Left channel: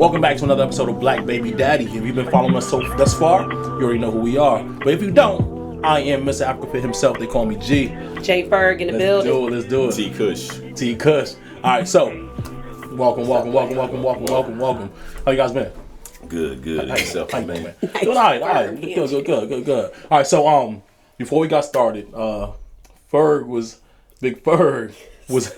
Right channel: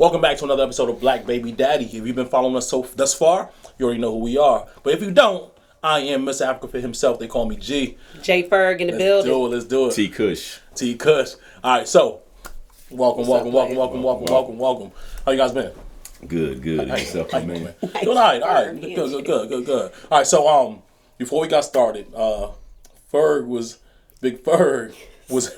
Welcome back to another episode of Black Baby Daddy. If you've been following us thus far, you already know who we are. But if you don't, I am Mr. Africa for himself. They call me G. J Ferg in the building. Let's do it. T Kush. T Kush. All right, so welcome. How you guys been? Good. How Yourself, you man. man? All right. Good. All right, so before we got started, Big Ferg was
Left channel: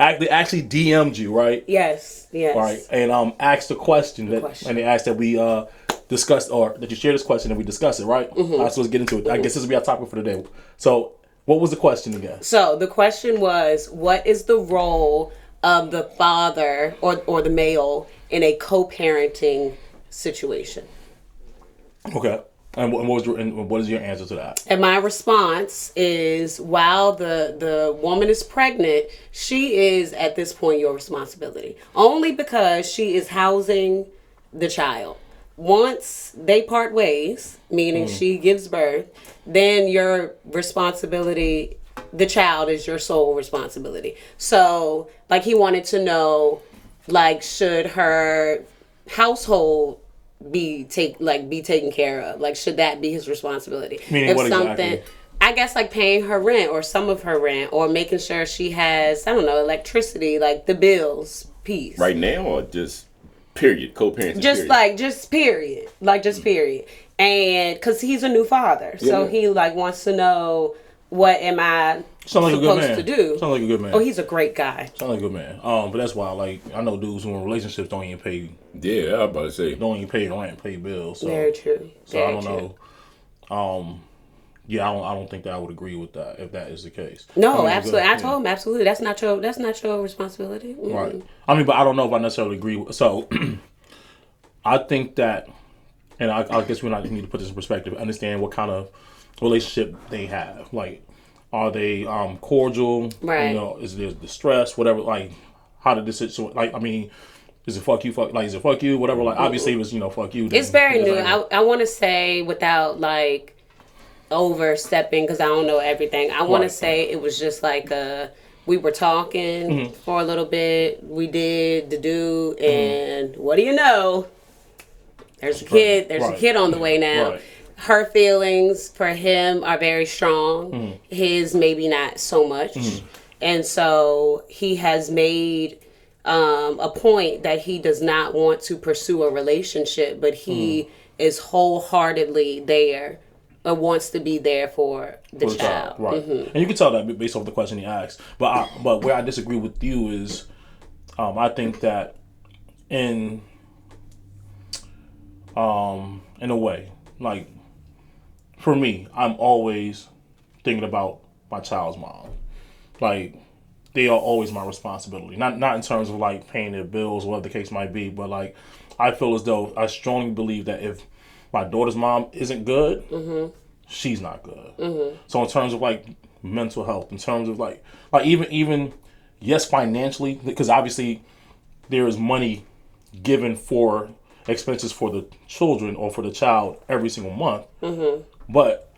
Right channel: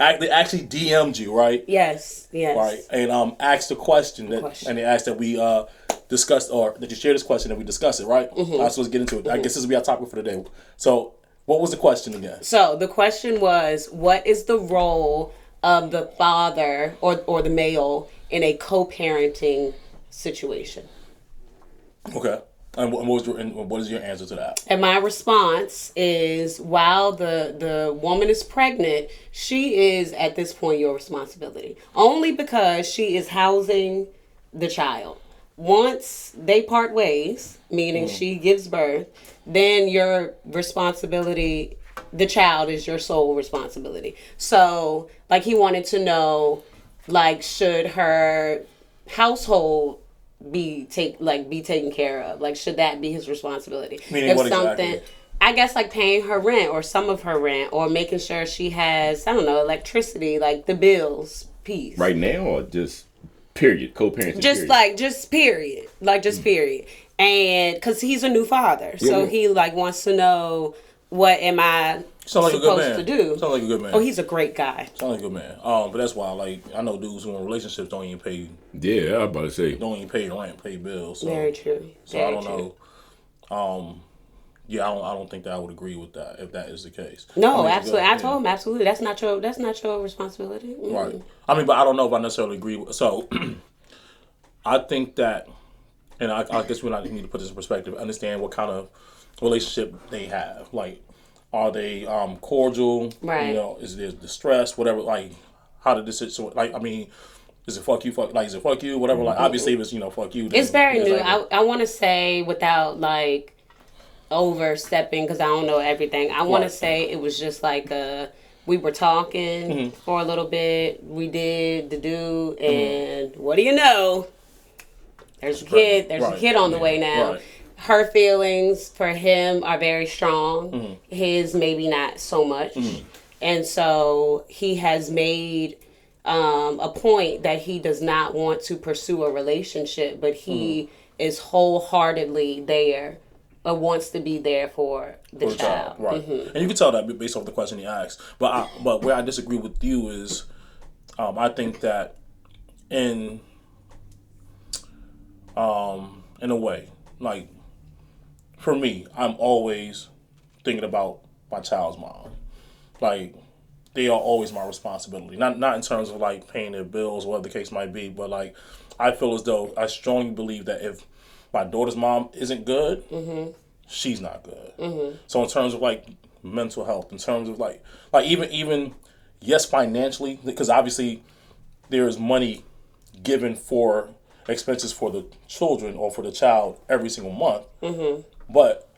actually DM'd you, right? Yes. Right, and asked a question and they asked that we discuss, or that you share this question and we discuss it, right? Mm-hmm. All right, so let's get into it. I guess this will be our topic for today. So, what was the question again? So the question was, what is the role of the father or the male in a co-parenting situation? Okay, and what is your answer to that? And my response is, while the woman is pregnant, she is at this point your responsibility. Only because she is housing the child. Once they part ways, meaning she gives birth, then your responsibility, the child is your sole responsibility. So, like, he wanted to know, like, should her household be taken care of? Like, should that be his responsibility? Meaning if what something, exactly? I guess, like paying her rent or some of her rent, or making sure she has, I don't know, electricity, like the bills piece. Right now, or just period, co-parenting? Period. And because he's a new father, so he wants to know, what am I supposed to do? Sounds like a good man. Oh, he's a great guy. Sounds like a good man. But that's why, I know dudes who are in relationships don't even pay Yeah, I was about to say. don't even pay rent, pay bills. So, Very true. So I don't know. Yeah, I don't think that I would agree with that if that is the case. No, absolutely. I told him absolutely. That's not your responsibility. Mm-mm. Right. I mean, but I don't know if I necessarily agree with. So, I think that, and I guess we need to put this in perspective. Understand what kind of relationship they have. Like, are they cordial? Right. You know, is there distress? Whatever. Like, how did this situation? Like, I mean, is it fuck you? Is it fuck you? Whatever. Like, obviously, it was fuck you. It's very new. I want to say, without overstepping, because I don't know everything. I want to say it was just we were talking for a little bit. We did the do, and what do you know? There's a kid. There's a kid on the way now. Right. Her feelings for him are very strong. His maybe not so much. And so he has made a point that he does not want to pursue a relationship, but he is wholeheartedly there. Wants to be there for the child. Right. And you can tell that based off the question he asked. But where I disagree with you is, I think that in a way, like, for me, I'm always thinking about my child's mom. Like, they are always my responsibility. Not in terms of paying their bills or whatever the case might be, but I feel as though I strongly believe that if my daughter's mom isn't good, she's not good. So in terms of mental health, in terms of even yes, financially, because obviously there is money given for expenses for the children or for the child every single month. But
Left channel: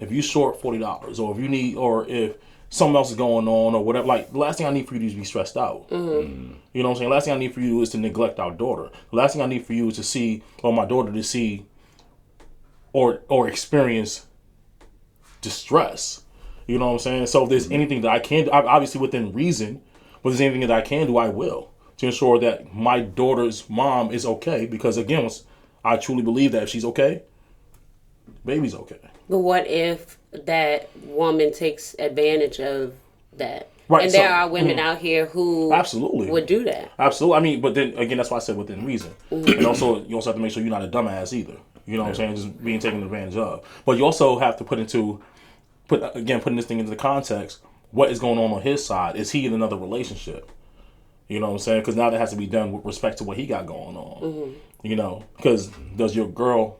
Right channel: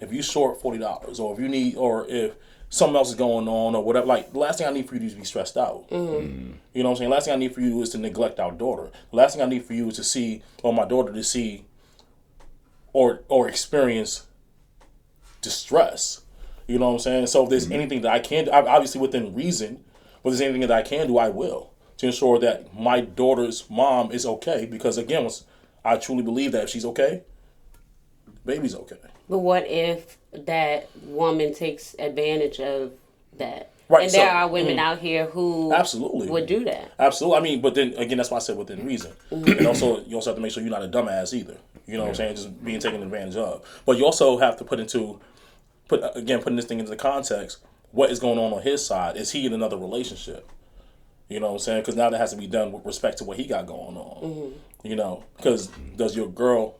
if you short $40, or if you need, or if something else is going on or whatever, the last thing I need for you is to be stressed out. You know what I'm saying? The last thing I need for you is to neglect our daughter. The last thing I need for you is to see, or my daughter to see, or experience distress. You know what I'm saying? So if there's anything that I can do, obviously within reason, but if there's anything that I can do, I will, to ensure that my daughter's mom is okay. Because again, I truly believe that if she's okay, baby's okay. But what if that woman takes advantage of that? Right, and there are women out here who absolutely would do that. Absolutely. I mean, but then again, that's why I said within reason. And also, you also have to make sure you're not a dumbass either. You know what I'm saying? Just being taken advantage of. But you also have to putting this thing into the context, what is going on his side? Is he in another relationship? You know what I'm saying? Because now that has to be done with respect to what he got going on. You know, because does your girl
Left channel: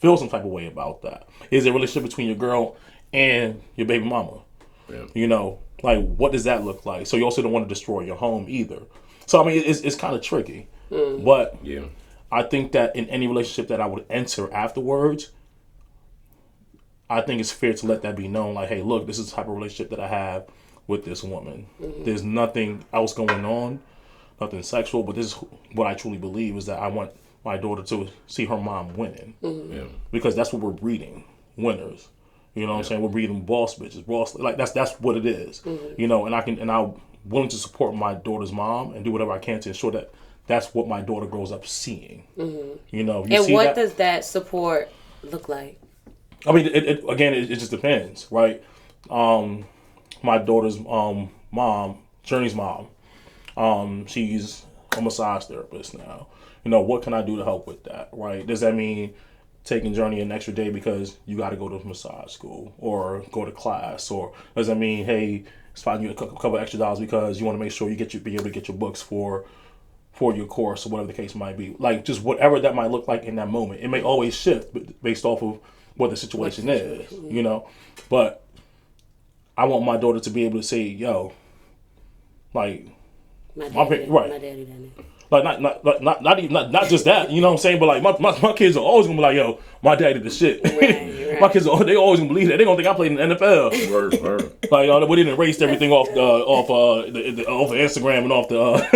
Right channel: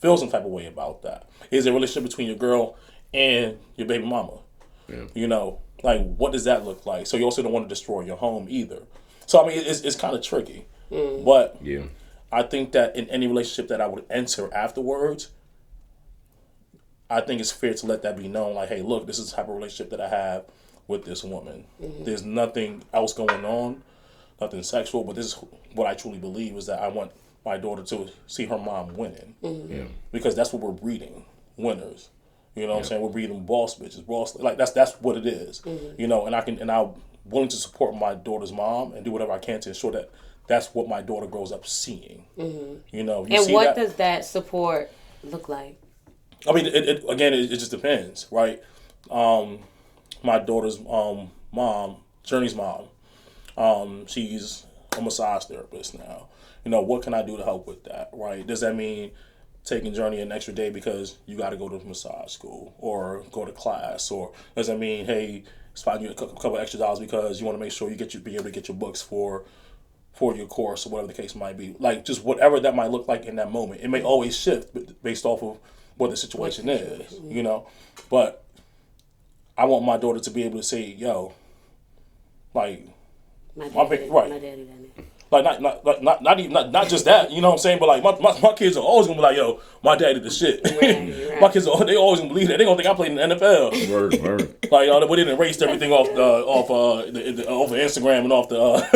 feel some type of way about that? Is there a relationship between your girl and your baby mama? Yeah. You know, what does that look like? So you also don't want to destroy your home either. So, I mean, it's kind of tricky. But yeah, I think that in any relationship that I would enter afterwards, I think it's fair to let that be known. Hey, look, this is the type of relationship that I have with this woman. There's nothing else going on. nothing sexual, but this is what I truly believe is that I want my daughter to see her mom winning. Yeah. Because that's what we're breeding, winners. You know what I'm saying? We're breeding boss bitches, boss, like that's what it is. You know, and I'm willing to support my daughter's mom and do whatever I can to ensure that that's what my daughter grows up seeing. You know, And what does that support look like? I mean, it just depends, right? My daughter's mom, Journey's mom, she's a massage therapist now. You know, what can I do to help with that, right? Does that mean taking Journey an extra day because you got to go to massage school or go to class? Or does that mean, hey, spotting you a couple extra dollars because you want to make sure you be able to get your books for your course or whatever the case might be? Like, just whatever that might look like in that moment. It may always shift based off of what the situation is, you know? But I want my daughter to be able to say, yo, like, My daddy done it. like not just that, you know what I'm saying? But like my kids are always gonna be like, yo, my daddy the shit. Right. My kids they always gonna believe that. They gonna think I played in the NFL. Word. Like we didn't erase everything off of Instagram and off the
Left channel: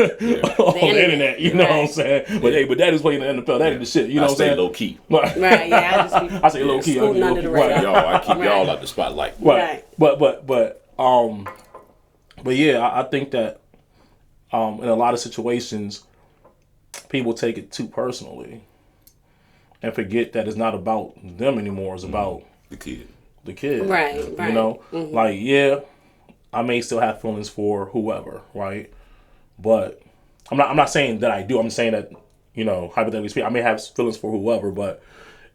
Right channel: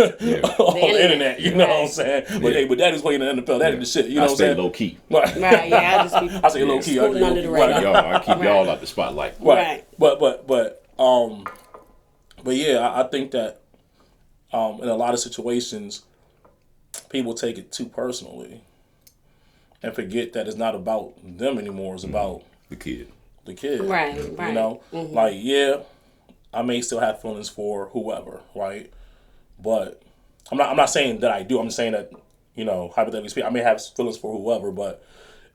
internet. You know what I'm saying? But daddy's playing in the NFL. Daddy the shit. You know what I'm saying? Low key. Right, yeah, I just be I say low key. scooting under the radar. I keep y'all out the spotlight. Right. But yeah, I think that in a lot of situations, people take it too personally and forget that it's not about them anymore. It's about The kid. Right. You know, like, yeah, I may still have feelings for whoever, right? But I'm not saying that I do. I'm saying that, you know, hypothetically speaking, I may have feelings for whoever, but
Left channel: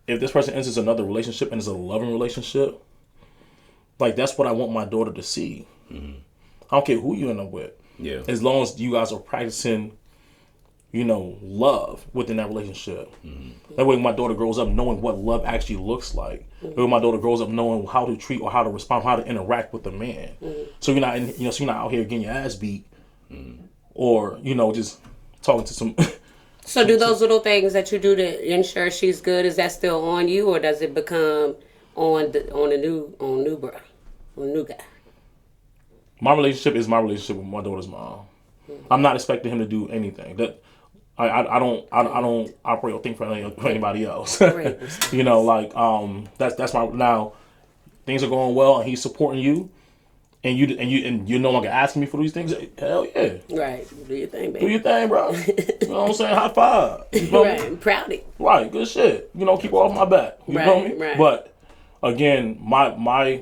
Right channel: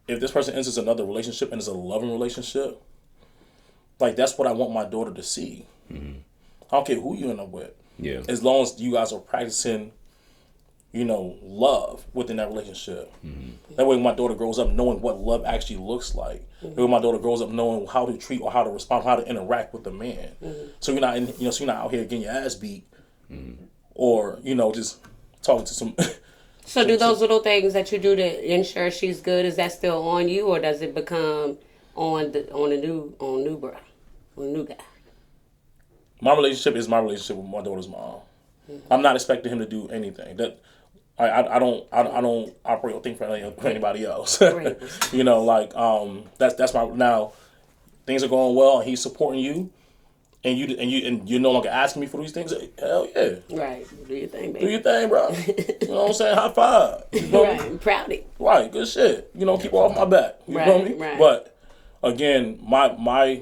if this person enters another relationship and it's a loving relationship, like, that's what I want my daughter to see. I don't care who you end up with. Yeah. As long as you guys are practicing, you know, love within that relationship. That way my daughter grows up knowing what love actually looks like. That way my daughter grows up knowing how to treat or how to respond, how to interact with the man. So you're not so you're not out here getting your ass beat or, you know, just talking to some So do those little things that you do to ensure she's good, is that still on you, or does it become on the new guy? My relationship is my relationship with my daughter's mom. I'm not expecting him to do anything. That I don't operate or think for anybody else. Right. You know, like that's my now. Things are going well, and he's supporting you, and you're no longer asking me for these things. Hell yeah, Right. Do your thing, do baby. your thing, bro. You know what I'm saying? High five. You know? Right. I'm proud of you. Right, good shit. You know, keep her off my back. You know what I mean? Right. But again, my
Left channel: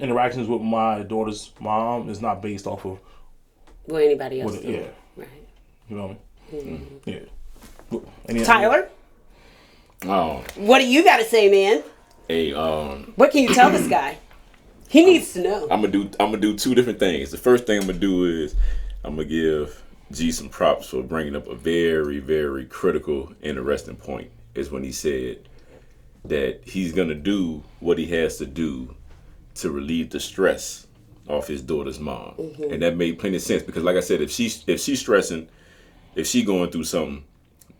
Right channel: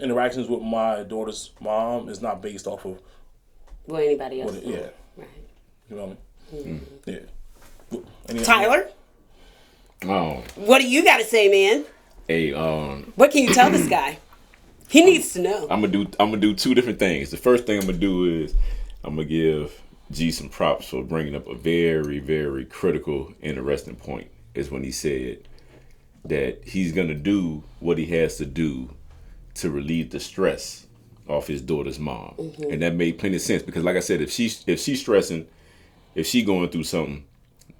interactions with my daughter's mom is not based off of Well, anybody else. yeah. Right. You know what I mean? Yeah. Tyler, Oh, what do you got to say, man? hey, What can you tell this guy? He needs to know. I'm gonna do two different things. The first thing I'm gonna do is I'm gonna give G some props for bringing up a very, very critical, interesting point. Is when he said that he's gonna do what he has to do to relieve the stress off his daughter's mom, and that made plenty of sense because, like I said, if she's stressing, if she going through something,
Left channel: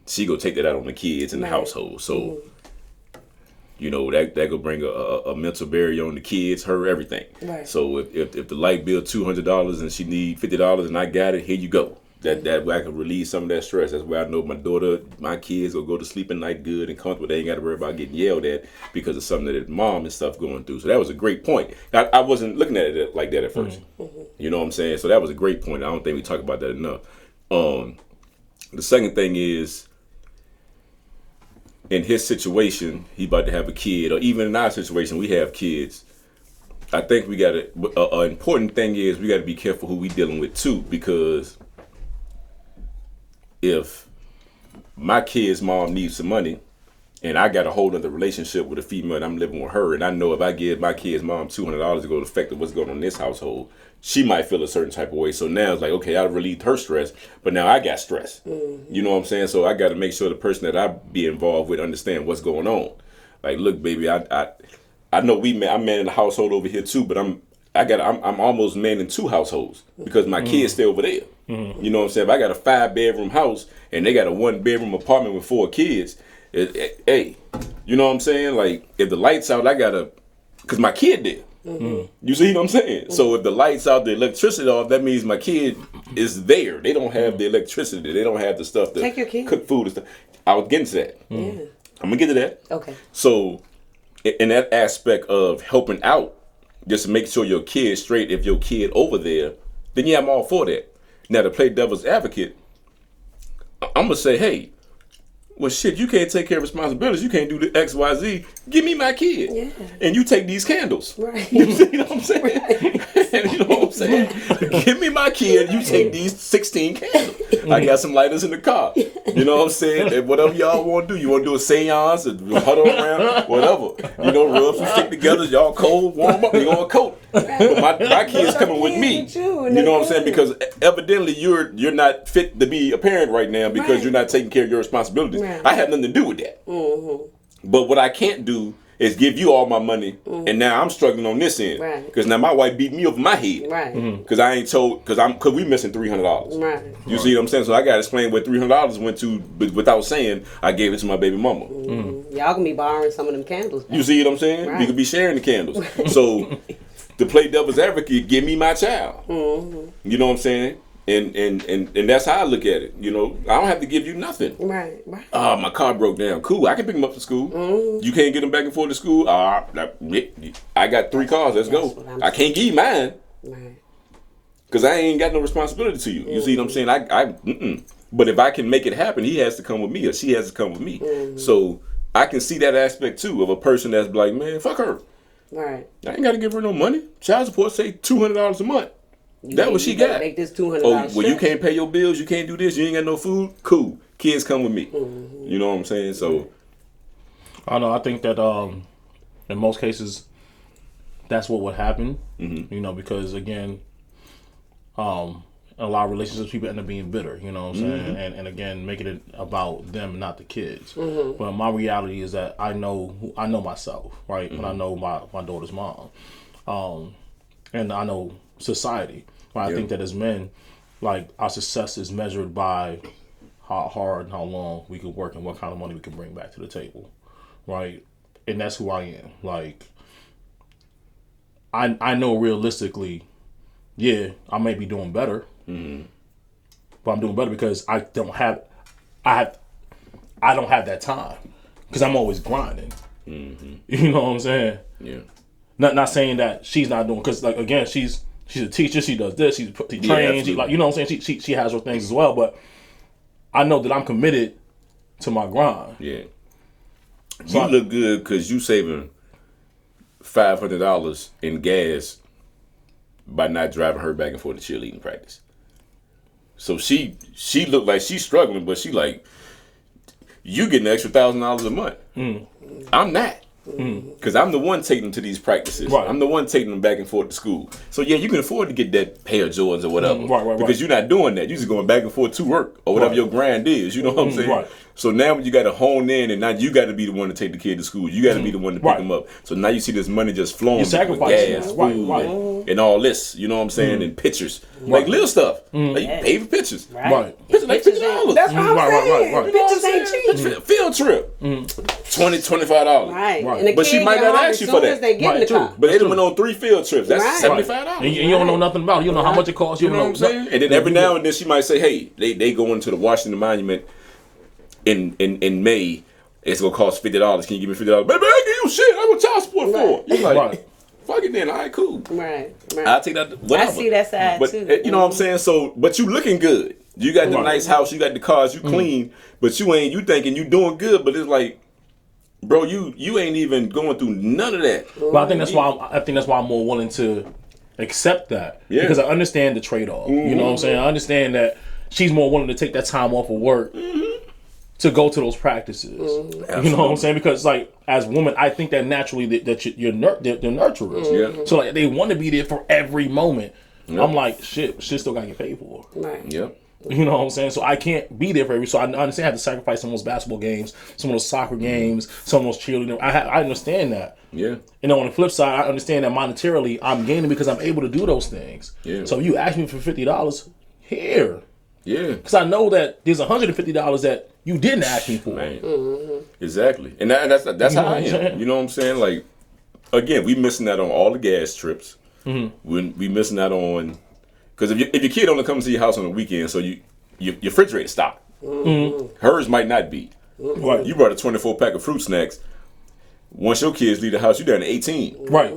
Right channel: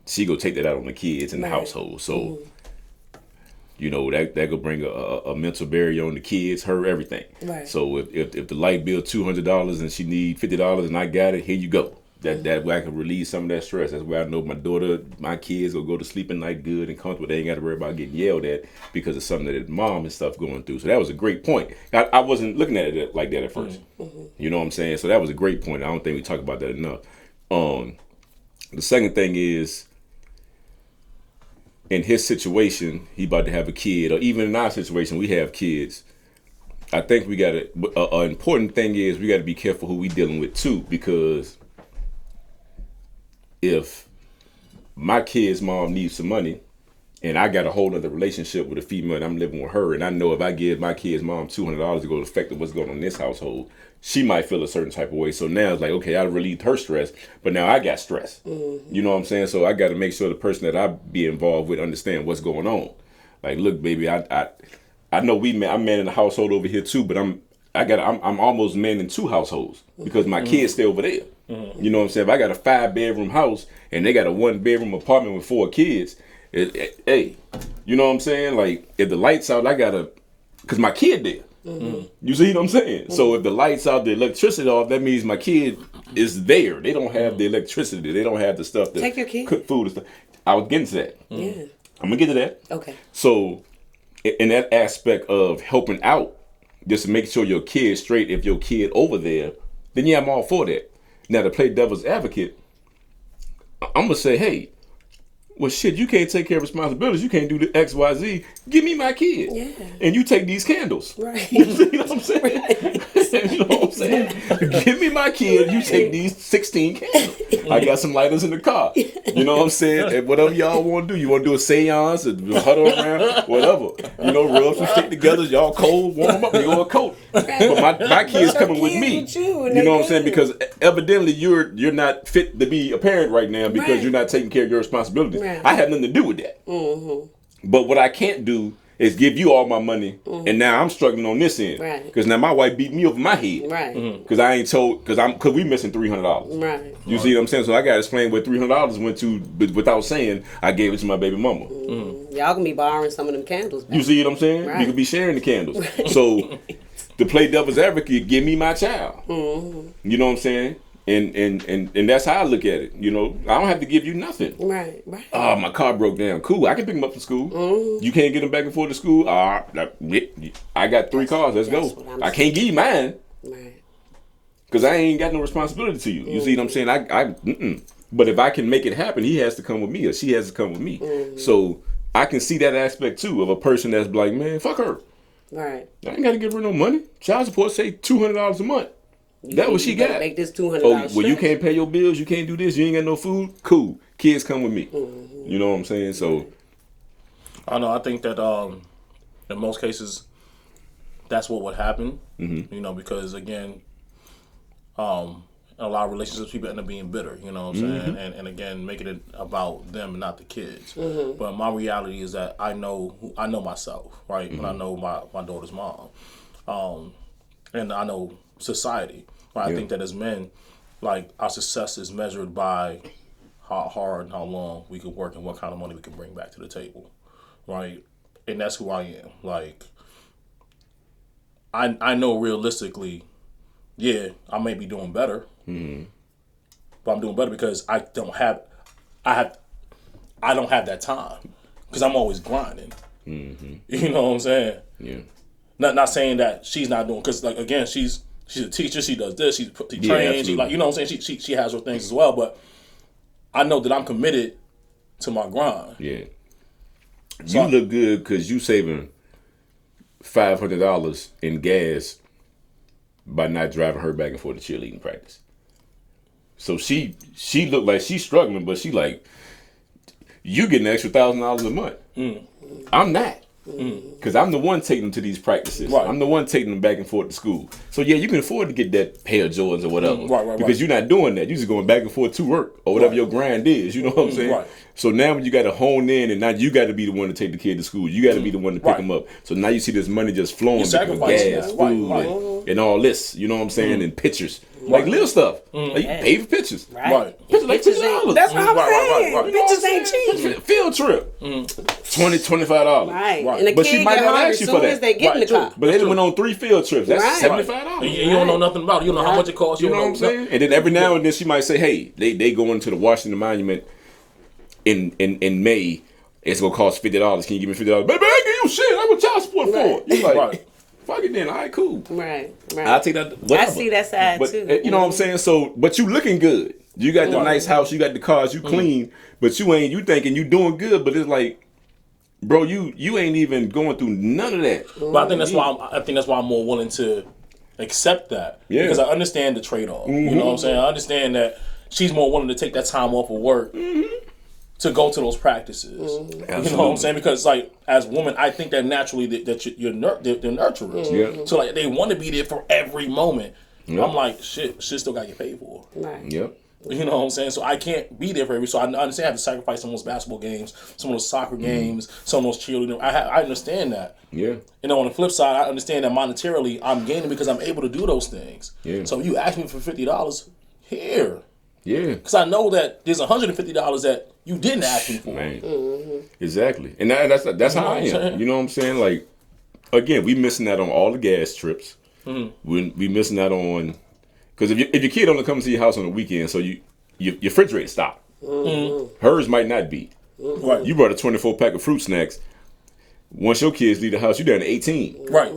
she go take that out on the kids in the household. So. You know, that could bring a mental barrier on the kids, her, everything. Right. So if the light bill $200 and she need $50 and I got it, here you go. That way I can release some of that stress. That's why I know my kids will go to sleep at night good and comfortable. They ain't got to worry about getting yelled at because of something that mom and stuff going through. So that was a great point. I wasn't looking at it like that at first. You know what I'm saying? So that was a great point. I don't think we talk about that enough. The second thing is, in his situation, he about to have a kid, or even in our situation, we have kids. I think we got an important thing is we got to be careful who we dealing with too, because if my kid's mom needs some money, and I got a whole other relationship with a female and I'm living with her, and I know if I give my kid's mom $200 to go affect what's going on in this household, she might feel a certain type of way. So now it's like, okay, I relieved her stress, but now I got stress. You know what I'm saying? So I got to make sure the person that I be involved with understand what's going on. Like, look, baby, I know I'm manning the household over here too, but I'm almost manning 2 households because my kids stay over there. You know what I'm saying? If I got a 5-bedroom house and they got a 1-bedroom apartment with 4 kids, hey, you know what I'm saying? Like, if the lights out, because my kid there. You see what I'm saying? So if the lights out, the electricity off, that means my kid is there. They don't have the electricity. They don't have the stuff to Take your kid. cook food and stuff. I was getting to that. Yeah. I'm gonna get to that. Okay. So, in that aspect of helping out, just to make sure your kid's straight. If your kid over there, then yeah, I'm all for that. Now to play devil's advocate, I'm gonna say, hey, well, shit, you can't take care of responsibilities. You can't do the X, Y, Z. Give me my kid, and you take these candles. Right. You know what I'm saying? You know what I'm saying? Give me my kid. You take these 16 candles. I got some lighters in the car. You know what I'm saying? And whatever y'all want to do, you want to do a seance, or huddle around, whatever. You know, rub some shit together. Y'all cold, warm up. You go a coat. But my kid's coming with me. You know what I'm saying? Because evidently you're not fit to be a parent right now because you're not taking care of your responsibilities. Right. I have nothing to do with that. But what I can't do is give you all my money, and now I'm struggling on this end. Right. Because now my wife beat me over my head. Right. Because I ain't told, because we missing $300. Right. You see what I'm saying? So I got to explain where $300 went to, but without saying I gave it to my baby mama. Y'all can be borrowing some of them candles back. You see what I'm saying? Right. You can be sharing the candles. So to play devil's advocate, give me my child. You know what I'm saying? And that's how I look at it. You know, I don't have to give you nothing. Right. My car broke down. Cool, I can pick him up to school. You can't get him back and forth to school. I got 3 cars. Let's go. I can't give you mine. Right. Because I ain't got no responsibility to you. You see what I'm saying? But if I can make it happen, he has to come with me or she has to come with me. So I can see that aspect too of a person that's like, man, fuck her. Right. I ain't got to give her no money. Child support say $200 a month. That's what she better got. Make this $200. Oh, well, you can't pay your bills. You can't do this. You ain't got no food. Cool. Kids come with me. You know what I'm saying? So I know. I think that in most cases, that's what would happen. You know, because again, a lot of relationships, people end up being bitter. You know what I'm saying? And again, making it about them, not the kids. But my reality is that I know myself, right? But I know my daughter's mom, and I know society. But I think that as men, like, our success is measured by how hard and how long we can work and what kind of money we can bring back to the table, right? And that's who I am. Like, I know realistically, yeah, I may be doing better, but I'm doing better because I don't have that time because I'm always grinding. You know what I'm saying? yeah. Not saying that she's not doing, because like again, she's a teacher. She does this. She trains. She, like, you know what I'm saying. She has her things as well. But I know that I'm committed to my grind. Yeah. So you look good because you saving $500 in gas by not driving her back and forth to cheerleading practice. So she looked like she's struggling, but she like, you getting an extra $1,000 a month. I'm not. Because I'm the one taking them to these practices. Right. I'm the one taking them back and forth to school. So yeah, you can afford to get that pair of Jordans or whatever. Right. Because you're not doing that. You're just going back and forth to work or whatever your grind is. You know what I'm saying? Right. So now you got to hone in, and now you got to be the one to take the kid to school. You got to be the one to pick them up. So now you see this money just flowing. You with sacrifice gas, it. food, and all this. You know what I'm saying? And pictures. Like little stuff. Like you pay for pictures. Right. Pictures like $50. That's what I'm saying. Right. Bitches ain't cheap. Field trip. $25. Right. Right. And the But she kid might get not hungry ask as you for soon as that. they get in the Right, car. But they went on 3 field trips. That's Right. $75. And you don't know nothing about it. You don't know how much it costs. You know what I'm saying? And then every now and then she might say, hey, they going to the Washington Monument in May. It's going to cost $50. Can you give me $50? Baby, I ain't give you shit. I want child support for it. You like, Right. fuck it then. All right, cool. Right. I'll take that. Whatever. I see that side But too. you know what I'm saying? So, but you looking good. You got the nice house. You got the cars. You clean. But you ain't. You thinking you doing good. But it's like, bro, you ain't even going through none of that. But I think that's why I'm more willing to accept that. Yeah. Because I understand the trade-off. You know what I'm saying? I understand that she's more willing to take that time off of work to go to those practices. You know what I'm saying? Because like as women, I think that naturally they're nurturers. Yeah. So like they want to be there for every moment. I'm like, shit still gotta get paid for. Right. Yep. You know what I'm saying? So I can't be there for every. So I understand I have to sacrifice some of those basketball games, some of those soccer games, some of those cheerleading. I understand that. Yeah. You know, on the flip side, I understand that monetarily I'm gaining because I'm able to do those things. Yeah. So if you ask me for $50, here. Yeah. Because I know that there's $150 that you didn't ask me for. Man. Exactly. And that's how I am. You know what I'm saying? Like, again, we missing out on all the gas trips. We missing out on Because if your kid only comes to your house on the weekend, so your refrigerator stopped. Hers might not be. Right. You brought a 24 pack of fruit snacks. Once your kids leave the house, you down to 18. Right.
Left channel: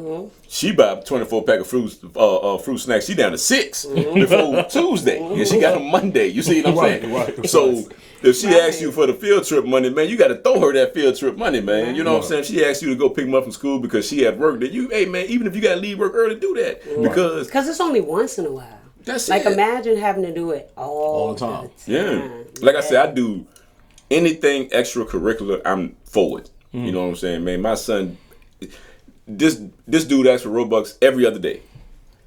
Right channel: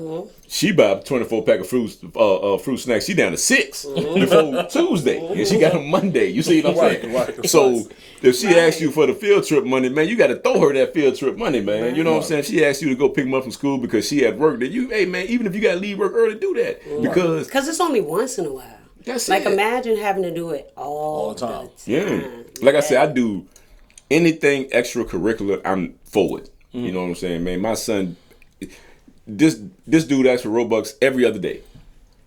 She buy a 24 pack of fruit snacks. She down to 6 before Tuesday, and she got them Monday. You see what I'm saying? Right. So if she asks you for the field trip money, man, you got to throw her that field trip money, man. You know what I'm saying? She asks you to go pick them up from school because she at work. Then hey man, even if you got to leave work early, do that because it's only once in a while. that's Like, it. imagine having to do it all the time. Yeah. Like I said, I do anything extracurricular, I'm for it. You know what I'm saying, man? My son, this dude asks for Robux every other day.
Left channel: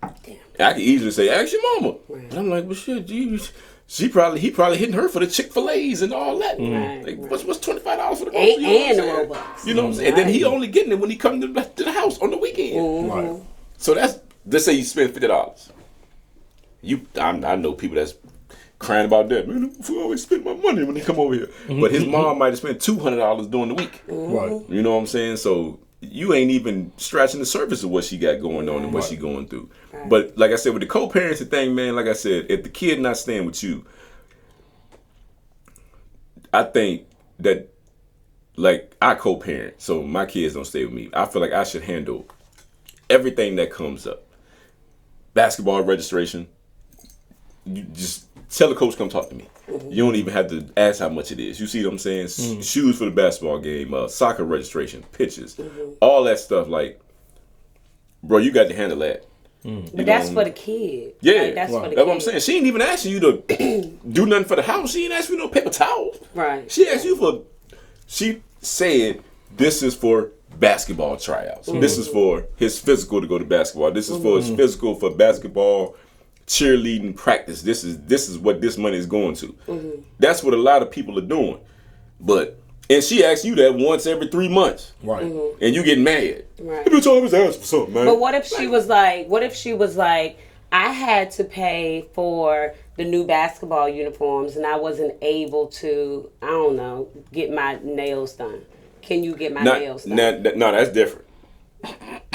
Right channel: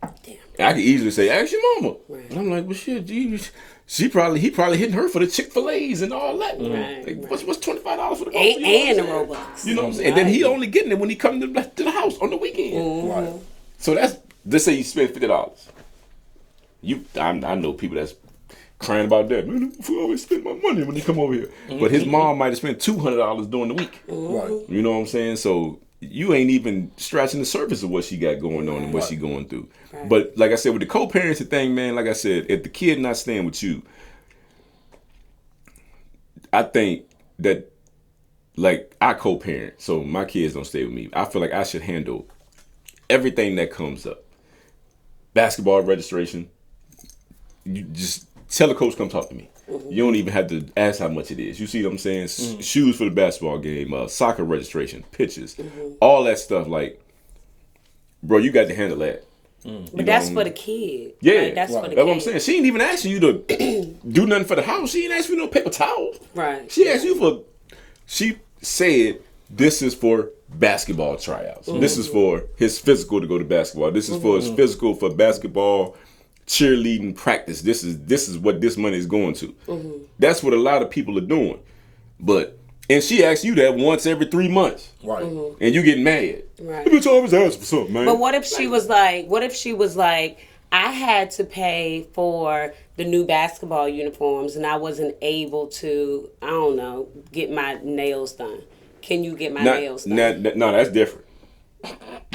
Damn. I could easily say, ask your mama. But I'm like, well, shit, geez, he probably hitting her for the Chick-fil-A's and all that. Like, what's $25 for the groceries? And the Robux. You know what I'm saying? And then he only getting it when he comes to the house on the weekend. Right. So let's say you spend $50. I know people that's crying about that. Man, I always spend my money when they come over here. But his mom might have spent $200 during the week. Right. You know what I'm saying? So you ain't even scratching the surface of what she got going on and what she going through. Right. But like I said, with the co-parenting thing, man, like I said, if the kid not staying with you, I think that, like, I co-parent, so my kids don't stay with me. I feel like I should handle everything that comes up. Basketball registration, you just tell the coach, come talk to me. You don't even have to ask how much it is. You see what I'm saying? Shoes for the basketball game, soccer registration, pitches, all that stuff. Like, bro, you got to handle that. But that's for the kid. Yeah, Like, that's for the kid. That's what I'm saying. She ain't even asking you to do nothing for the house. She ain't asking you no paper towel. Right. She asked you for. She said, "This is for basketball tryouts. This is for his physical to go to basketball. This is for his physical for basketball." Cheerleading practice. This is what this money is going to. That's what a lot of people are doing. And she asks you that once every 3 months. Right. And you get mad. Right. You always ask for something, man. But what if she was like, I had to pay for the new basketball uniforms and I wasn't able to, I don't know, get my nails done. Can you get my nails done? No, that's different.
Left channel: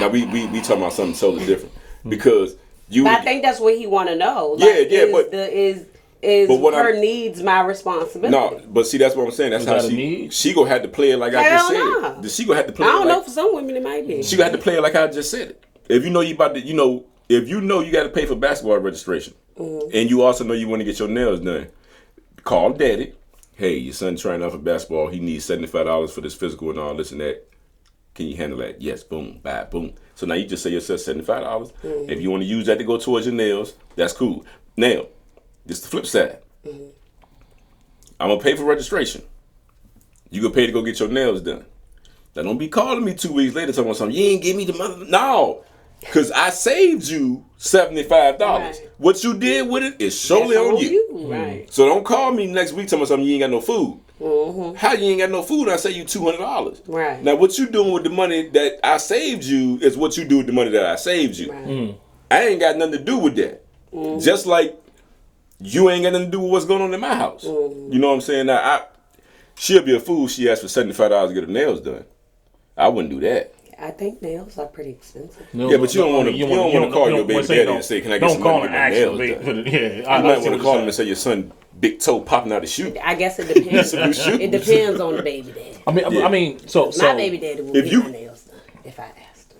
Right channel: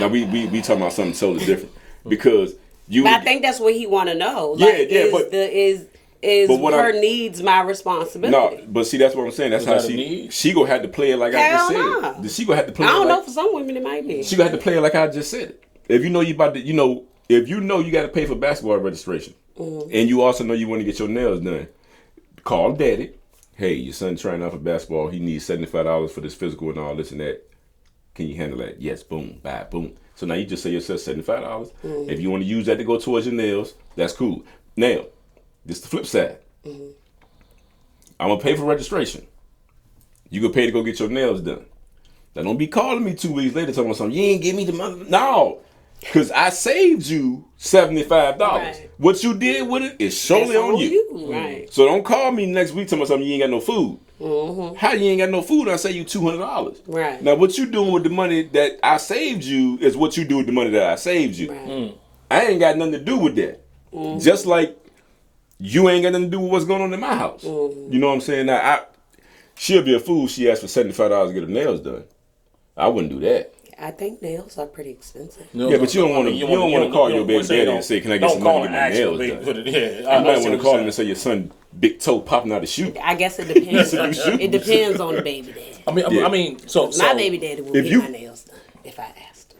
Now we talking about something totally different. Because I think that's what he want to know. But her needs my responsibility? No, but see, that's what I'm saying. That's how she gonna have to play it like I Hell just no. said. She gonna have to play. I don't know. For some women, it might be. She gonna have to play it like I just said it. If you know you about to, if you know you got to pay for basketball registration, and you also know you want to get your nails done, call daddy. Hey, your son trying out for basketball. He needs $75 for this physical and all this and that. Can you handle that? Yes. Boom. Bye. Boom. So now you just say yourself $75. If you want to use that to go towards your nails, that's cool. Now, this is the flip side. I'm going to pay for registration. You can pay to go get your nails done. Now, don't be calling me 2 weeks later talking about something. You ain't give me the money. No. Because I saved you $75. Right. What you did with it is solely That's on you. Right. So don't call me next week telling me something you ain't got no food. How you ain't got no food? I say you $200. Right. Now what you doing with the money that I saved you is what you do with the money that I saved you. Right. I ain't got nothing to do with that. Just like you ain't got nothing to do with what's going on in my house. You know what I'm saying? Now she'll be a fool. She asked for $75 to get her nails done. I wouldn't do that. I think nails are pretty expensive. Yeah, but you don't want to call your baby daddy and say, "Can I get some money to get my nails done?" I don't want to call him and say your son big toe popping out the shoe. I guess it depends. It depends on the baby daddy. I mean, so My baby daddy would if get you- my nails done if I asked him.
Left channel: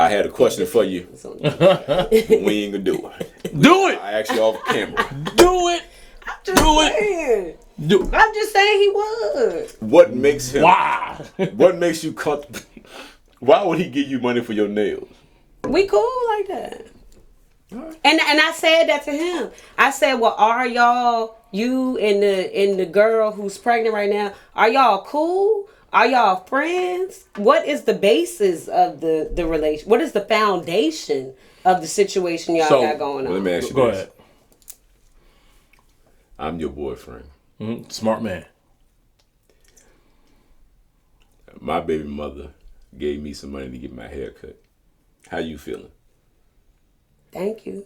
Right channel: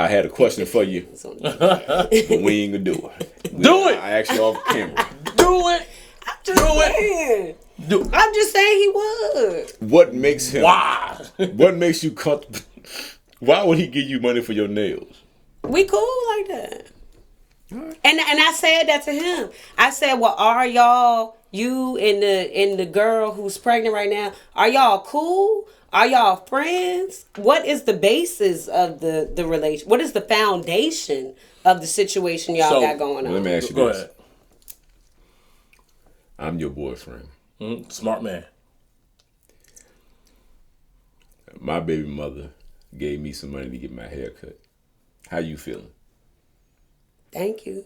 I had a question for you. It's on the baby daddy. We ain't gonna do it. do it. I asked you off camera. Do it. Just saying. Do. I'm just saying he would. What makes him? Why? What makes you comfortable? Why would he give you money for your nails? We cool like that. And I said that to him. I said, well, are y'all, you and the girl who's pregnant right now, are y'all cool? Are y'all friends? What is the basis of the relation? What is the foundation of the situation y'all got going on? Let me ask you Go this. ahead. I'm your boyfriend. Smart man. My baby mother gave me some money to get my hair cut. How you feeling? Thank you.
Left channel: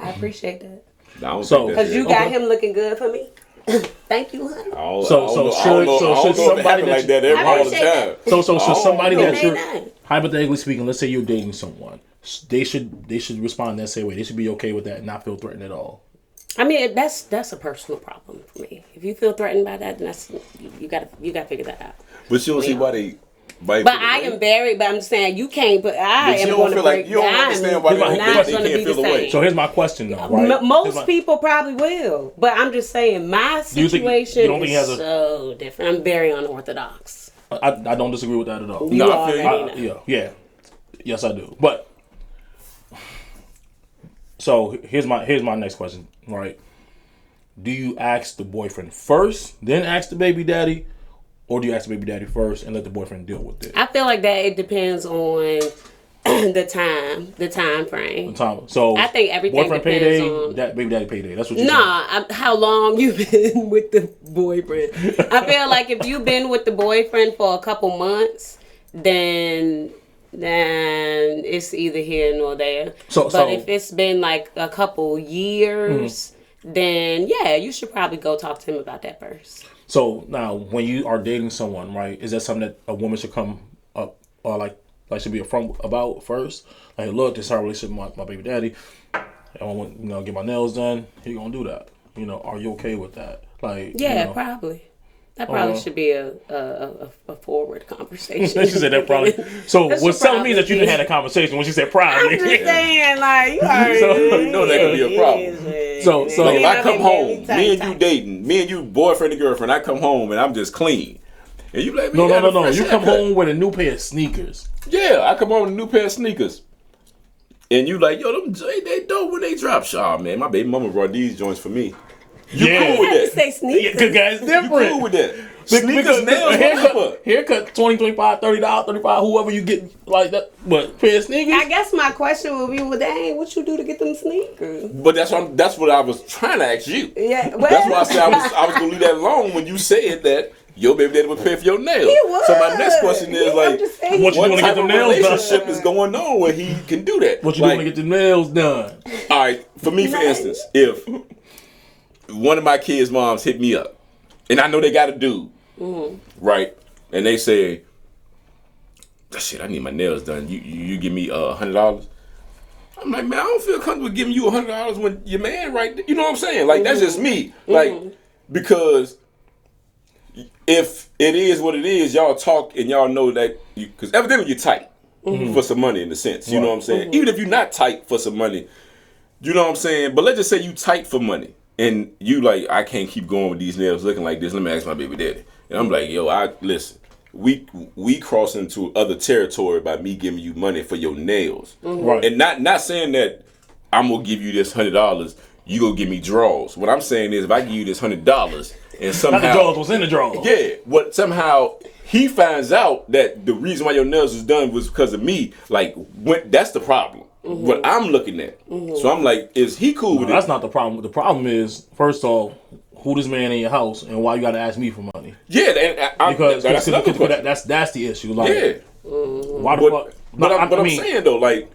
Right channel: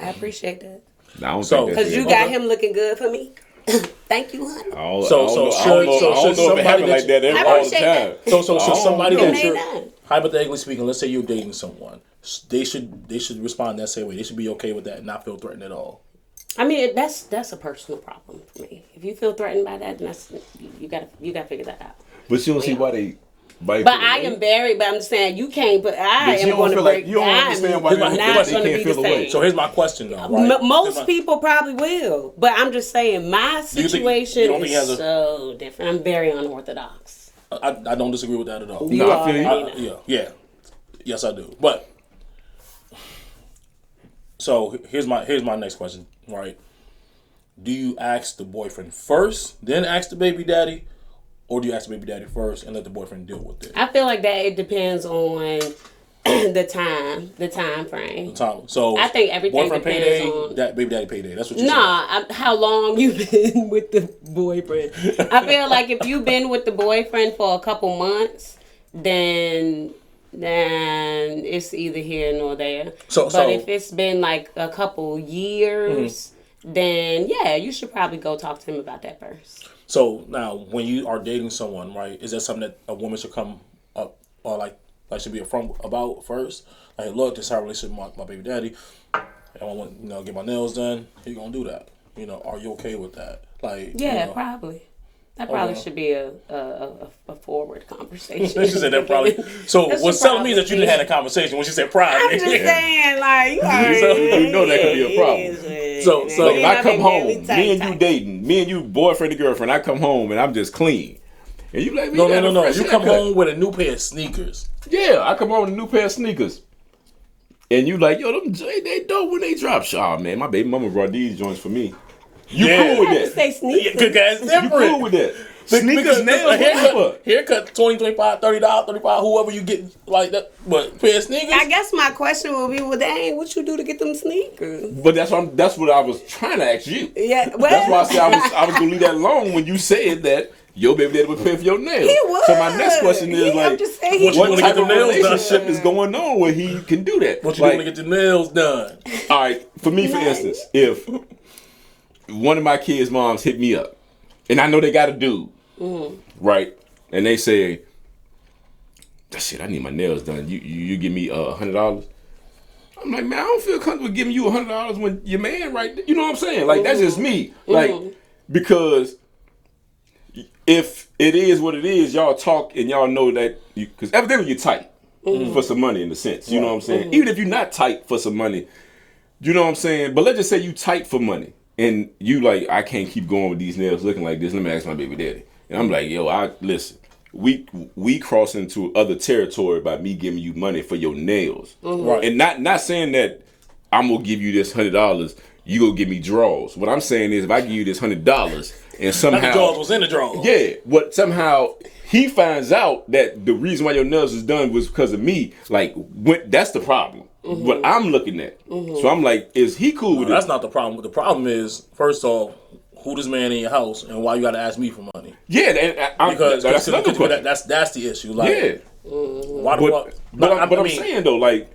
I appreciate that. I don't So- think that's Because you it. got him looking good for me. Thank you, honey. I don't So know should if it somebody happen like that I every all the appreciate time. that. So should somebody Oh, that no. you're Nay, nay. hypothetically speaking, let's say you're dating someone. they should respond that same way. They should be okay with that and not feel threatened at all. I mean, that's a personal problem for me. If you feel threatened by that, then that's you gotta figure that out. But you don't see why they. But I am very. But I'm saying you can't. But I am going to break. You don't understand why I'm they not can't going to be the feel the way. same. So here's my question, though. Right? Most people probably will, but I'm just saying my situation you don't think is so different. I'm very unorthodox. I don't disagree with that at all. You I feel you. already know. Yeah. Yes, I do. But so here's my next question. Right? Do you ask the boyfriend first, then ask the baby daddy? Or do you ask the baby daddy first and let the boyfriend deal with it? I feel like that it depends on the time frame. So I think everything boyfriend depends payday, on that baby daddy payday. That's what you how long you been with the boyfriend. I feel like if you've been with the boyfriend for a couple months, then it's either here nor there. But if it's been like a couple years, then yeah, you should probably go talk to him about that first. So now, when you are dating someone, right, is that something that a woman should come up or like should be upfront about first? Like, look, this is our relationship with my baby daddy. I want get my nails done. You gonna do that? Are you okay with that? Like, yeah, probably. That probably should be a forward conversation. She said that probably. So what's telling me that you didn't have a conversation when she said probably? I'm just saying, like, you already you know that could be a problem. So if I come home, me and you dating, me and you boyfriend and girlfriend, I come home and I'm just clean. And you like, no. You come home with a new pair of sneakers. Yeah, I come home with a new pair of sneakers. And you like, yo, them they dope when they drop. Oh man, my baby mama brought these joints for me. You cool with that? To say sneakers. Yeah, guys, different. You cool with that? Sneakers, nails, haircut, $20, $25, $30, $35, whoever you get like that. But pair of sneakers. I guess my question would be, well, dang, what you do to get them sneakers? But that's what I was trying to ask you. Yeah, well, that's why I said I was gonna leave that alone when you said that your baby daddy would pay for your nails. He would. So my next question is like, what type of relationship is going on where he can do that? What you doing to get the nails done? All right, for me, for instance, if one of my kids' moms hit me up, and I know they got a dude, right? And they say, shit, I need my nails done. You give me $100? I'm like, man, I don't feel comfortable giving you $100 when your man right there. You know what I'm saying? Like, that's just me. Like, because if it is what it is, y'all talk and y'all know that, because evidently you're tight for some money in a sense. You know what I'm saying? Even if you're not tight for some money, you know what I'm saying? But let's just say you tight for money. And you like, I can't keep going with these nails looking like this. Let me ask my baby daddy. And I'm like, yo, listen, we cross into other territory by me giving you money for your nails. Right. And not saying that I'm gonna give you this $100, you gonna give me draws. What I'm saying is if I give you this $100 and somehow the draws was in the draws. Yeah, but somehow he finds out that the reason why your nails was done was because of me, like that's the problem. What I'm looking at. So I'm like, is he cool with it? That's not the problem. The problem is, first off, who this man in your house and why you got to ask me for money? Yeah, because that's another question. That's the issue. Like, yeah. Why the fuck? But I'm saying though, like,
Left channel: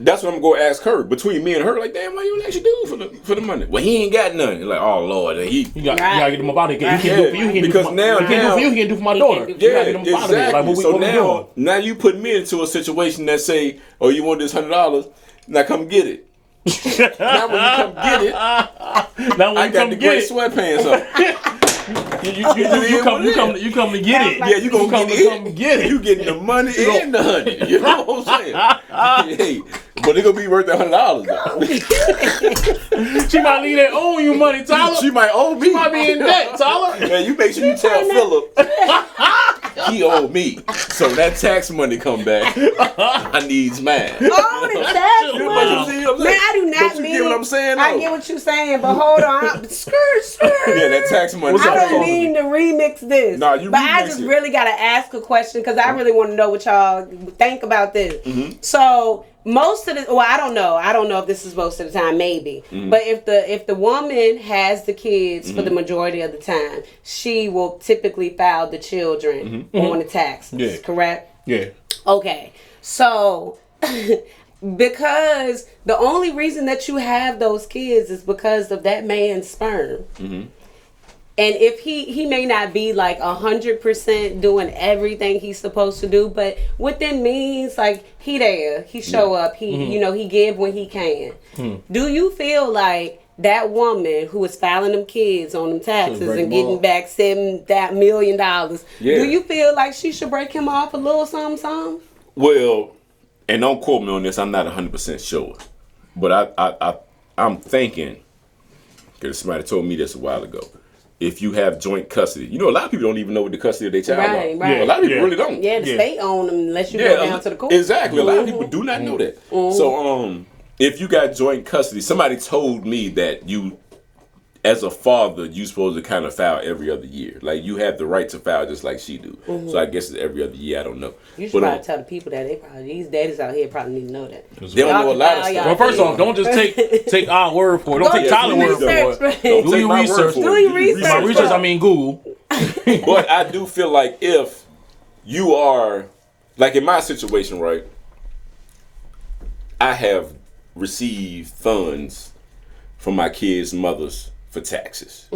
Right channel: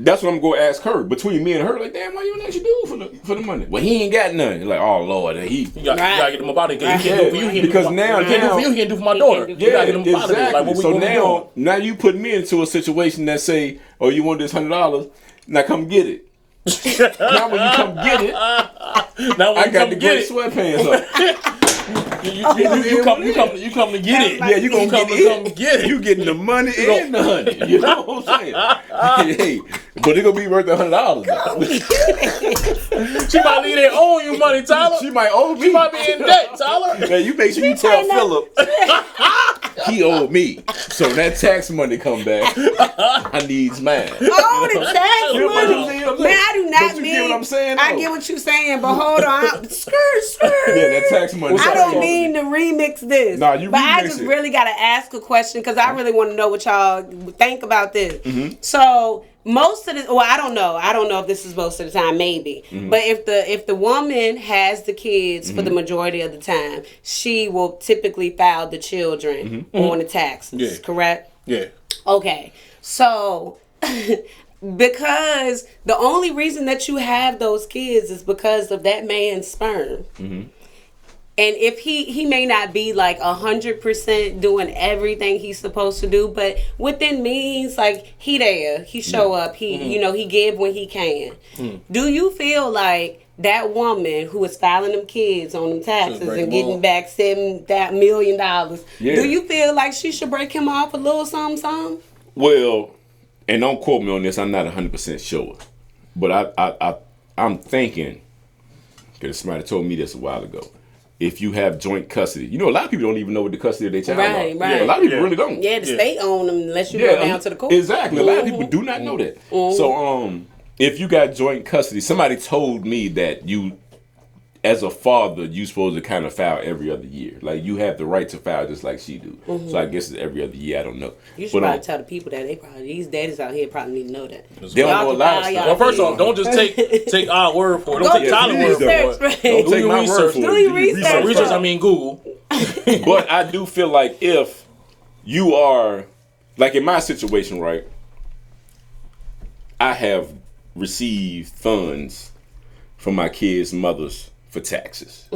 that's what I'm going to ask her. Between me and her, like, damn, why you let you do for the money? Well, he ain't got nothing. Like, oh Lord, you gotta get him up out of here. Right. He can't do for my daughter. Yeah, you gotta get him up out of here. Like, what so we now you put me into a situation that say, oh, you want this $100? Now come get it. Now when you come get it, I got the gray sweatpants on. You come to get it. Yeah, you gonna come get it. You getting the money and the honey. You know what I'm saying? Hey, but it gonna be worth $100. She might leave that owe you money, Tyler. She might owe me. She might be in debt, Tyler. Man, you make sure you tell Philip he owed me. So that tax money come back. I needs mine. Oh, the tax money. Man, I do not mean. mean. Get what I'm saying? I get what you're saying, but hold on. Skirt. Yeah, that tax money. I don't mean to remix this. Nah, you but remix I just it. really got to ask a question because I really want to know what y'all think about this. So most of the, well, I don't know if this is most of the time, maybe. But if the woman has the kids for the majority of the time, she will typically file the children on the taxes. Correct? Yeah. Okay. So because the only reason that you have those kids is because of that man's sperm. And if he may not be like 100% doing everything he's supposed to do, but within means, like he there, he show up, he he give when he can. Do you feel like that woman who is filing them kids on them taxes and getting back $7 million, do you feel like she should break him off a little something? Well, and don't quote me on this, I'm not 100% sure. But I'm thinking, because somebody told me this a while ago, if you have joint custody, a lot of people don't even know what the custody of their child are. Right. A lot of people really don't. Yeah, the state own them unless you go down to the court. Exactly. A lot of people do not know that. So, if you got joint custody, somebody told me that you, as a father, you supposed to kind of file every other year. Like, you have the right to file just like she do. So I guess it's every other year. I don't know. You should probably tell the people that these daddies out here probably need to know that. They don't know a lot of stuff. Well, first off, don't just take our word for it. Don't take Tyler's word for it. Don't take my word for it. Do your research. By research, I mean Google. But I do feel like if you are, like in my situation, right, I have received funds from my kids' mothers for taxes.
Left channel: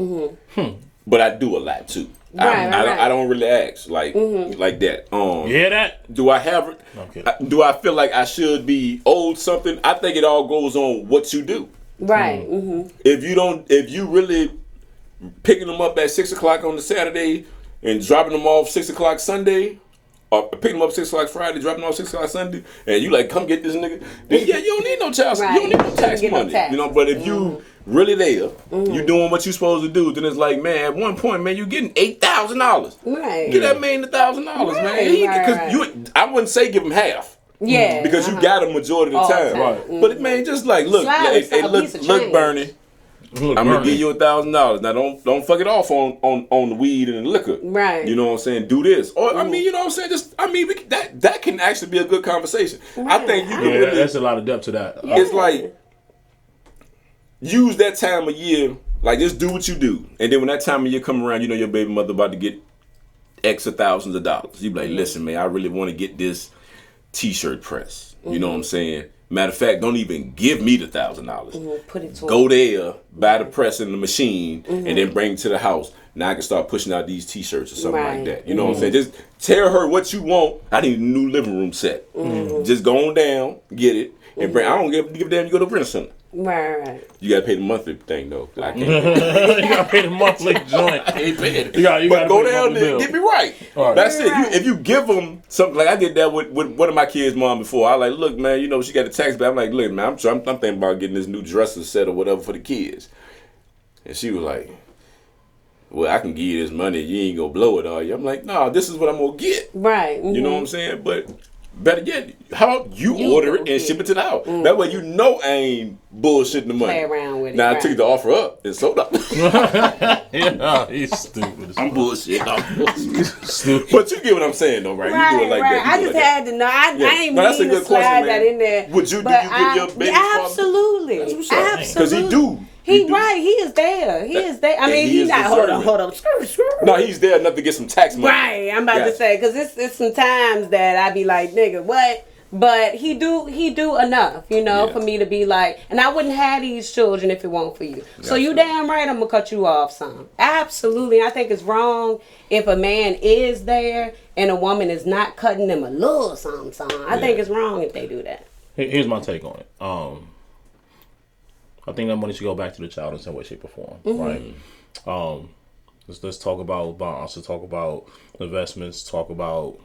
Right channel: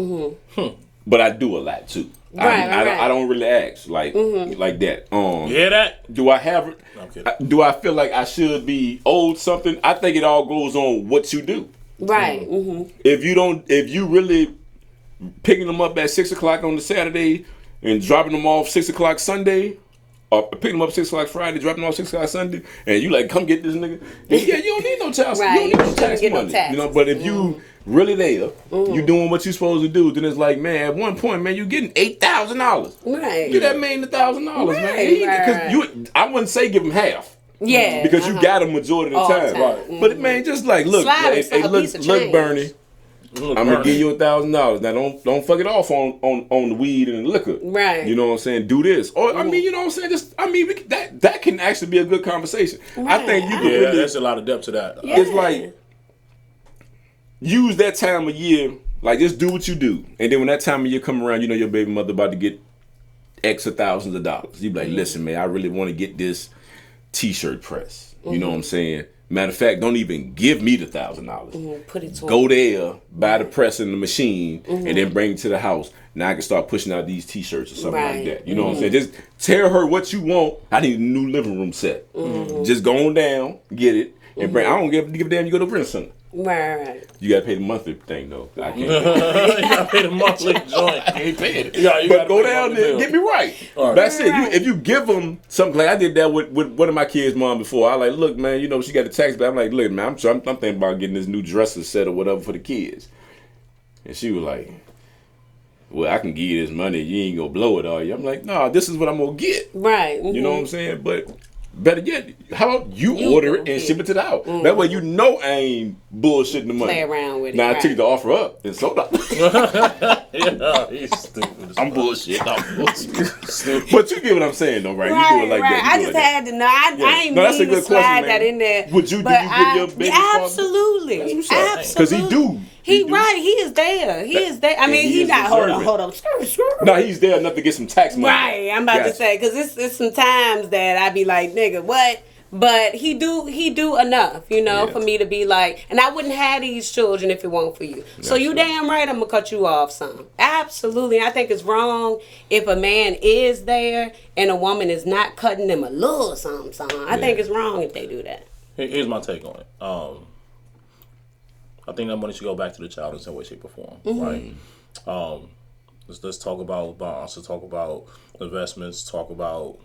But I do a lot too. I don't really ask like that. You hear that? Do I have it? Okay. Do I feel like I should be owed something? I think it all goes on what you do. Right. If you really picking them up at 6 o'clock on the Saturday and dropping them off 6 o'clock Sunday, or picking them up 6 o'clock Friday, dropping them off 6 o'clock Sunday, and you like, come get this nigga, then yeah, you don't need no child, Right. you don't need no tax Get no money. tax. But if you really there, you doing what you supposed to do, then it's like, man, at one point, man, you getting $8,000. Right. Get that man $1,000, man. Right. I wouldn't say give him half. Yeah. Because you got a majority of the time. Right. But man, just like, look, Slide hey, a piece of look, change. Bernie. I'm gonna give you $1,000. Now don't fuck it off on the weed and the liquor. Right. You know what I'm saying? Do this. Or I mean, you know what I'm saying? That can actually be a good conversation. I think you can Yeah, really, that's a lot of depth to that. Yeah. it's like use that time of year, like just do what you do. And then when that time of year come around, your baby mother about to get X of thousands of dollars. You be like, listen, man, I really want to get this t-shirt press. You know what I'm saying? Matter of fact, don't even give me the $1,000. Put it to Go there, buy the press and the machine, and then bring it to the house. Now I can start pushing out these t-shirts or something like that. You know what I'm saying? Just tell her what you want. I need a new living room set. Just go on down, get it, and bring. I don't give a damn. You go to rent center. Right. You gotta pay the monthly thing though. I can't. You gotta pay the monthly joint. I ain't paying it. You But gotta go pay the down monthly there, bill. get me right. All right. That's it. Right. If you give them something, like I did that with one of my kids' mom before. I like, look, man, she got a tax bill. I'm like, look, man, I'm thinking about getting this new dresser set or whatever for the kids. And she was like, well, I can give you this money. You ain't gonna blow it, are you? I'm like, nah, this is what I'm gonna get. Right. You know what I'm saying? But better yet, how about you order it and ship it to the house? That way I ain't bullshitting the money. Play around with it, Now I right. took the offer up and sold out. Yeah, he's stupid. I'm bullshit. But you get what I'm saying though, right? Right, you do it like right. that. I just had to know. I ain't No, that's a mean to good slide question, that man. in there. Would you- do but you give your baby father- absolutely, That's what's up. absolutely. 'Cause he do. He right. He is there. He is there. I And mean, he he is not. Hold deserving. on. No, he's there enough to get some tax money. Right. I'm about to Gotcha. say because it's some times that I be like, nigga, what? But he do enough, Yeah. for me to be like, and I wouldn't have these children if it weren't for you. So you damn right, I'm gonna cut you off some. Absolutely, I think it's wrong if a man is there and a woman is not cutting them a little something. I think it's wrong if they do that. Here's my take on it. I think that money should go back to the child in some way, shape, or form. Right. Let's talk about bonds. Let's talk about investments. Talk about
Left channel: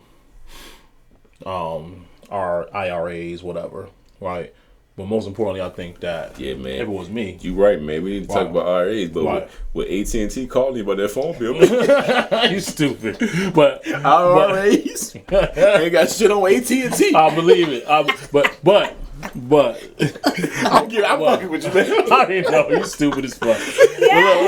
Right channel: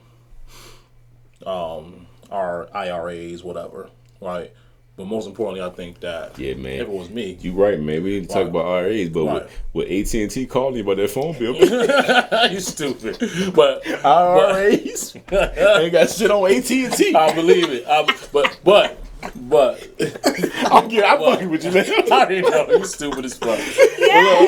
our IRAs, whatever. Right. But most importantly, I think that Yeah, man. if it was me, You right, man. We didn't talk Right. about RAs, but Right. with AT&T calling you about that phone bill. you stupid. But IRAs ain't got shit on AT&T. I believe it. But I'm fucking with you, man. I already know you stupid as fuck. You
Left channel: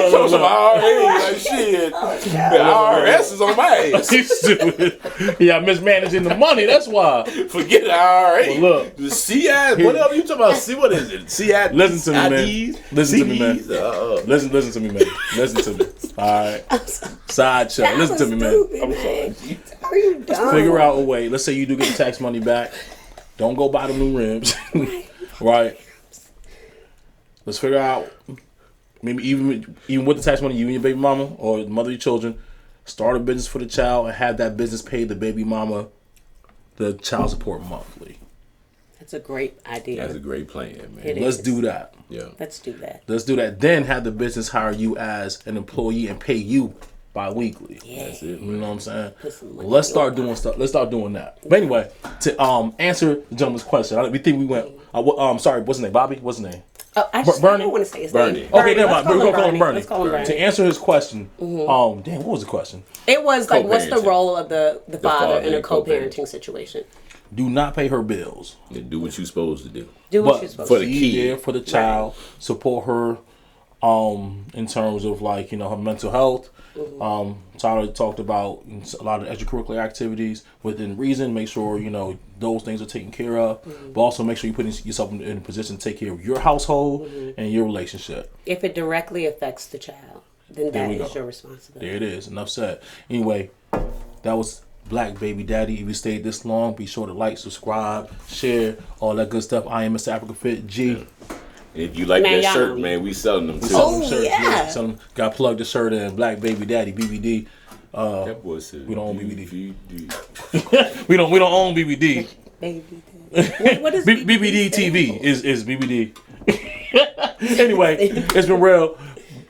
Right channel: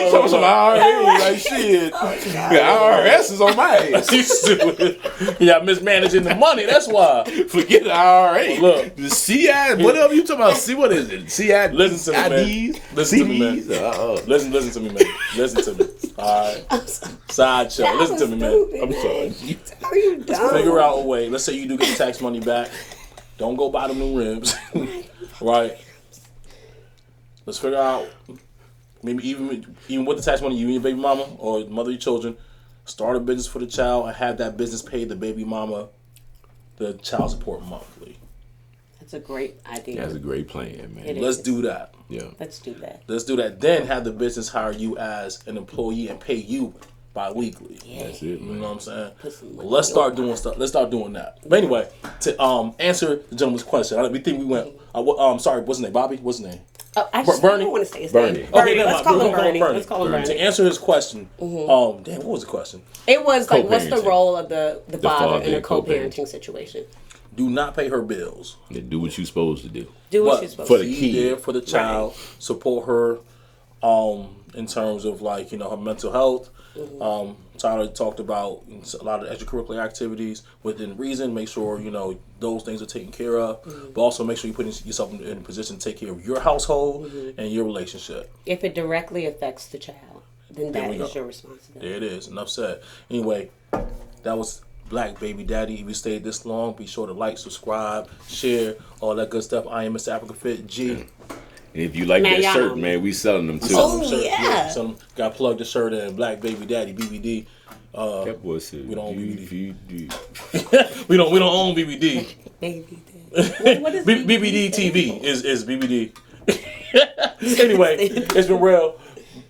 talking some IRAs, like shit. The IRS is on my ass. You stupid. Yeah, mismanaging the money. That's why. Forget the IRA. Well, look. The CI, whatever you talking about. See what is it? CI. Listen to me, man. IDs, Listen to me, man. CDs, Listen to me, man. Listen to me. All right. Sideshow. Listen to me, man. I'm sorry. How you dumb? Figure out a way. Let's say you do get the tax money back. Don't go buy them new rims. Right. Let's figure out maybe even with the tax money, you and your baby mama or the mother of your children, start a business for the child and have that business pay the baby mama the child support monthly. That's a great idea. That's a great plan, man. It Let's is. do that. Yeah. Let's do that. Let's do that. Then have the business hire you as an employee and pay you bi-weekly. Yeah. That's it. You know what I'm saying? Put some money Let's in start your doing stuff. Let's start doing that. But anyway, to answer the gentleman's question, we think we went. Sorry, what's his name? Bobby. What's his name? Oh, I Bernie? don't want to say his Bernie. name. Okay, never Let's mind. call him We'll Bernie. Bernie. Let's call him To Bernie. answer his question, damn, what was the question? It was like, what's the Co-parenting. role of the father in a and co-parenting. co-parenting situation? Do not pay her bills. Yeah, do what you're supposed to do. Do what But you're supposed for to the do. Be kid. there for the child, support her, in terms of like her mental health. Tyler talked about a lot of extracurricular activities within reason. Make sure those things are taken care of, but also make sure you put yourself in a position to take care of your household and your relationship. If it directly affects the child, then that we is go. your responsibility. There it is. Enough said. Anyway, that was Black Baby Daddy. If you stayed this long, be sure to like, subscribe, share, all that good stuff. I am Mr. Africa Fit G. And if you like Man, that y'all shirt, know me. man, we selling them too. Oh, Shirts, yeah. Some got to plug the shirt in. Black Baby Daddy BBD. That boy said, We don't own DVD. We don't own BBD. Baby. What is BBD stand TV for? is BBD. Anyway, it's been real.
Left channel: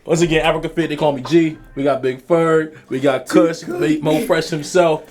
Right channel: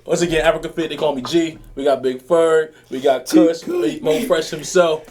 Once again, Africa Fit. They call me G. We got Big Ferg. We got Kush. Mo Fresh himself.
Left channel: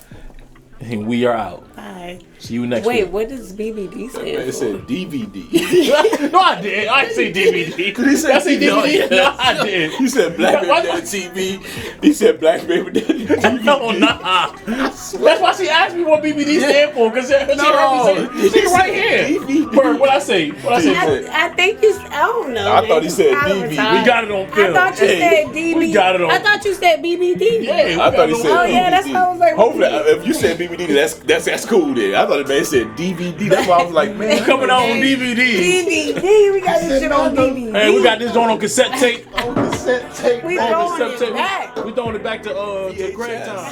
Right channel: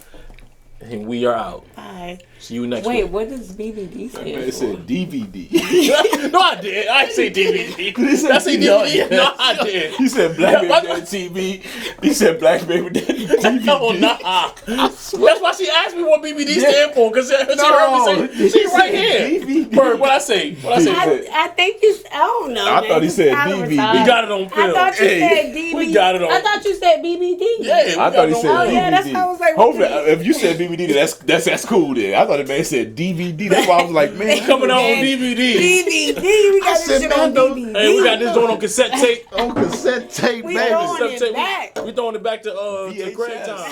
And we are out. Bye. See you next Wait, week. what does BBD stand It for? said DVD. No, I did. I didn't say DVD. He said I said DVD. No, I did. He said Black Baby Daddy TV. He said Black Baby Daddy TV. No, nah. That's why she asked me what BBD stand for, because she heard me say, see right here. Bird, what I say? What I say? Bird? I think you. I don't know. I thought he said Probably BB. retired. We got it on I film. thought you Hey, said DB. we got it on- I thought you said BBD. Yeah, I thought he said Oh yeah, that's why I was like. Hopefully, if you said BBD, that's cool then. I thought the man said DVD. That's why I was like, man, coming out on DVD. BBD. We got this said, shit man, on don't- DVD. Hey, we got this joint on cassette tape. on cassette tape. We man. throwing Cassette it tape. back. We throwing it back to VHS. Grand Time.